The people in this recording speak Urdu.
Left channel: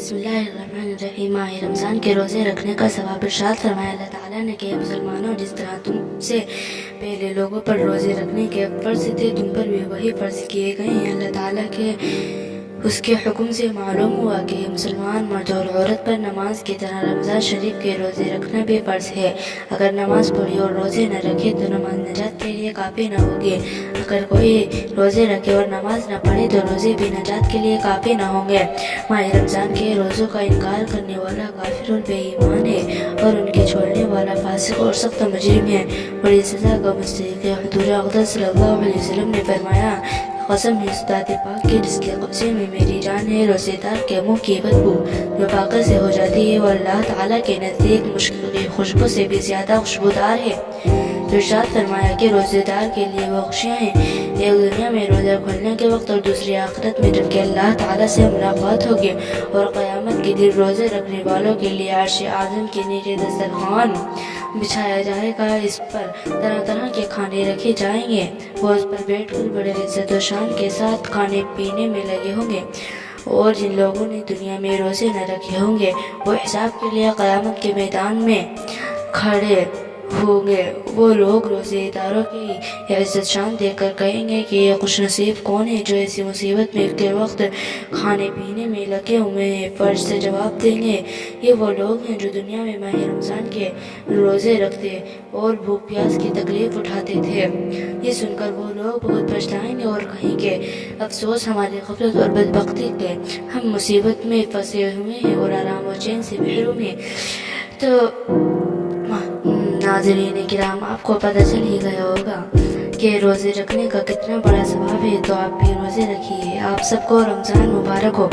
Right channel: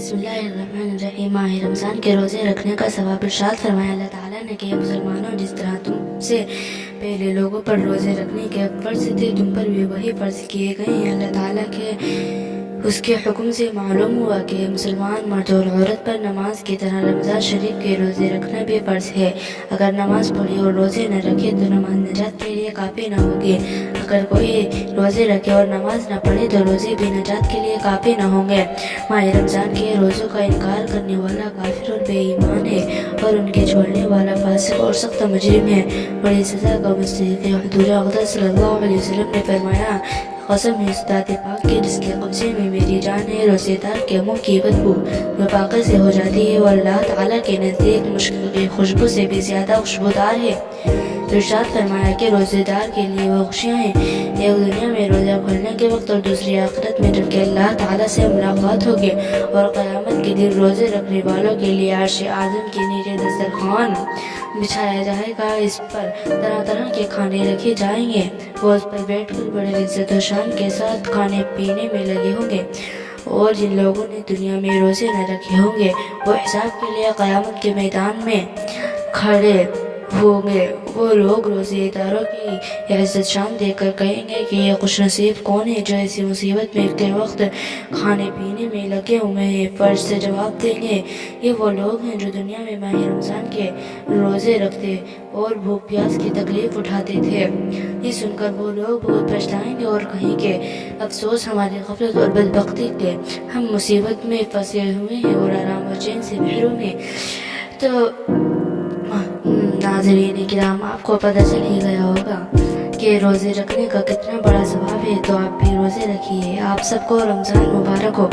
بسم اللہ الرحمن الرحیم۔ ماہ رمضان کے روزے رکھنے کا ثواب ارشاد فرمایا اللہ تعالیٰ نے کہ مسلمانوں، جس طرح تم سے پہلے لوگوں پر روزے رکھنے کے فرض تھے، تم پر بھی وہی فرض کیے گئے ہیں۔ اللہ تعالیٰ کے اس کے حکم سے معلوم ہوا کہ مسلمان مرد اور عورت پر نماز کی طرح رمضان شریف کے روزے رکھنا بھی فرض ہے۔ اگر نماز پڑھی اور روزے نہ رکھے تو نماز نجات کے لیے کافی نہ ہوگی۔ اگر کوئی روزے رکھے اور نماز نہ پڑھے تو روزے بھی نجات کے لیے کافی نہ ہوں گے۔ ماہ رمضان کے روزوں کا انکار کرنے والا کافر اور بے ایمان ہے، اور ان کے چھوڑنے والا فاسق اور سخت مجرم ہے، بڑی سزا کا مستحق ہے۔ حضور اقدس صلی اللہ علیہ وسلم نے فرمایا، قسم ہے اس ذات پاک کے جس کے قبضے میں میری جان ہے، روزے دار کے منہ کی بدبو جو پاکیزہ سے ہو جاتی ہے وہ اللہ تعالیٰ کے نزدیک مشک کی خوشبو سے بھی زیادہ خوشبودار ہے۔ ارشاد فرمایا کہ روزے دار کے لیے وہ خوشیاں ہیں، ایک دنیا میں روزہ کھولنے کے وقت اور دوسری آخرت میں جب کہ اللہ تعالیٰ سے ملاقات ہوگی، اور قیامت کے دن روزے رکھنے والوں کے لیے عرش اعظم کے نیچے دسترخوان بچھایا جائے گا، اس پر طرح طرح کے کھانے رکھے جائیں گے، وہ اس پر بیٹھ کر بڑے عزت و شان کے ساتھ کھانے پینے میں لگے ہوں گے، اور جن لوگوں نے دنیا میں روزے نہ رکھے ہوں گے وہ حساب کے لیے قیامت کے میدان میں کھڑے ہوں گے۔ وہ لوگ روزے داروں کی عزت شان دیکھ کر کہیں گے کہ یہ خوش نصیب کون ہے جو ایسی مصیبت میں کے وقت کھانے پینے میں لگے ہوئے ہیں۔ فرض سے جواب دیں گے، یہ وہ لوگ ہیں جو دنیا میں ماہ رمضان کے روزے رکھتے اور بھوک پیاس کی تکلیف اٹھاتے تھے۔ یہ سن کر وہ لوگ بہت پچھتائیں گے اور کہیں گے، افسوس ہماری غفلت اور بدبختی کے، ہم مصیبت میں پھنسے ہوئے ہیں اور آرام و چین سے محروم ہیں۔ تو ناظرین کرام، آپ کو پتہ چل ہی گیا ہوگا کہ روزے رکھنے کا کتنا بڑا ثواب ہے، تو آپ بھی روزے رکھیے۔ آپ سب کو رمضان مبارک ہو۔